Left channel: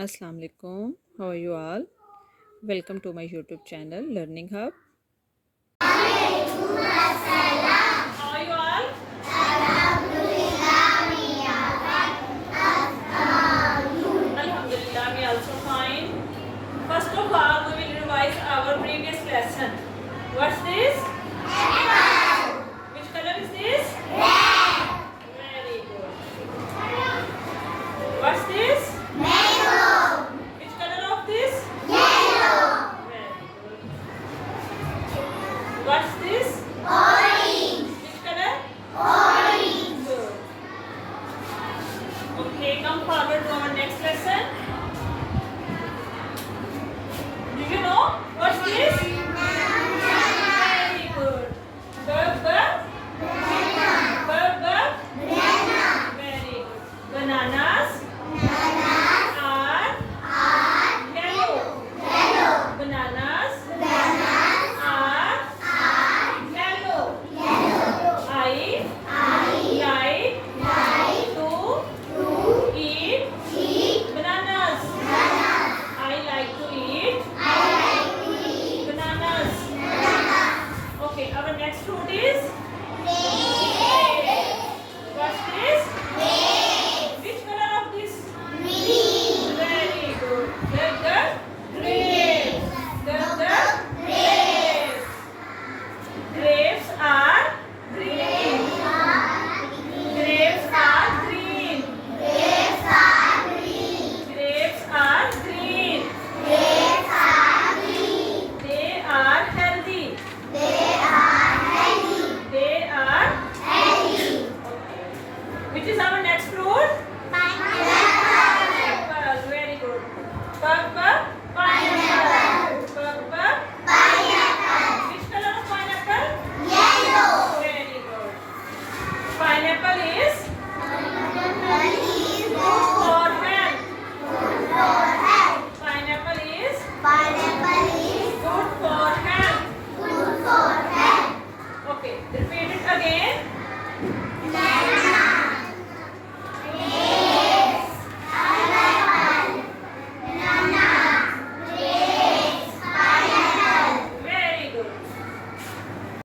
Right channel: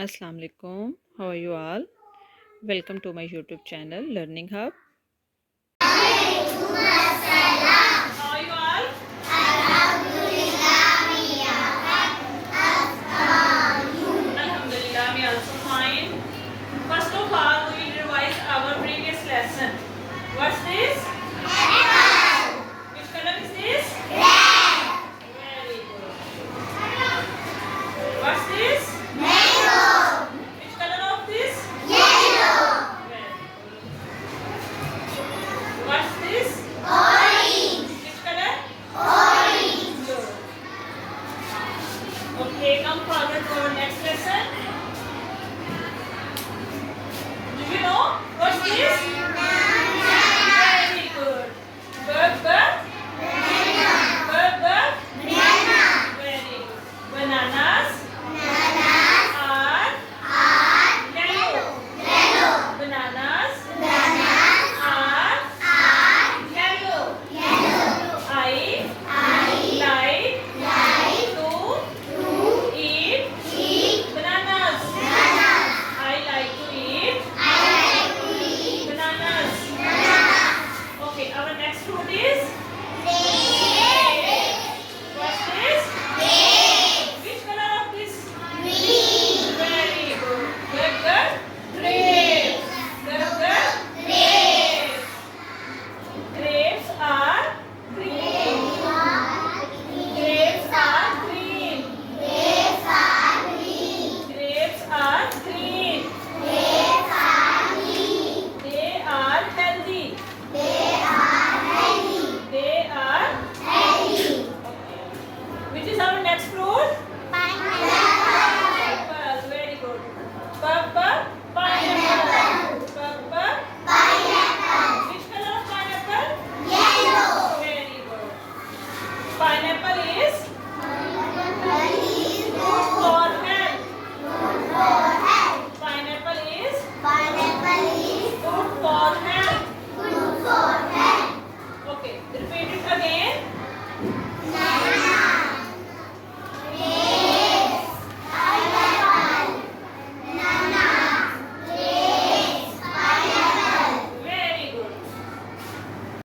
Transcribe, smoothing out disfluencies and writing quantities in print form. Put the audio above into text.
Assalamu alaikum. How are you all? Welcome to my YouTube channel Learning Hub. How are you all? Alhamdulillah, we are also fine. First of all, we will revise our previous lesson. What's this? Which color is this? Very good. What's this? Which color of this? Very good. What's this? Which color? Good. Okay, come forward to our next lesson. Do you know what's this?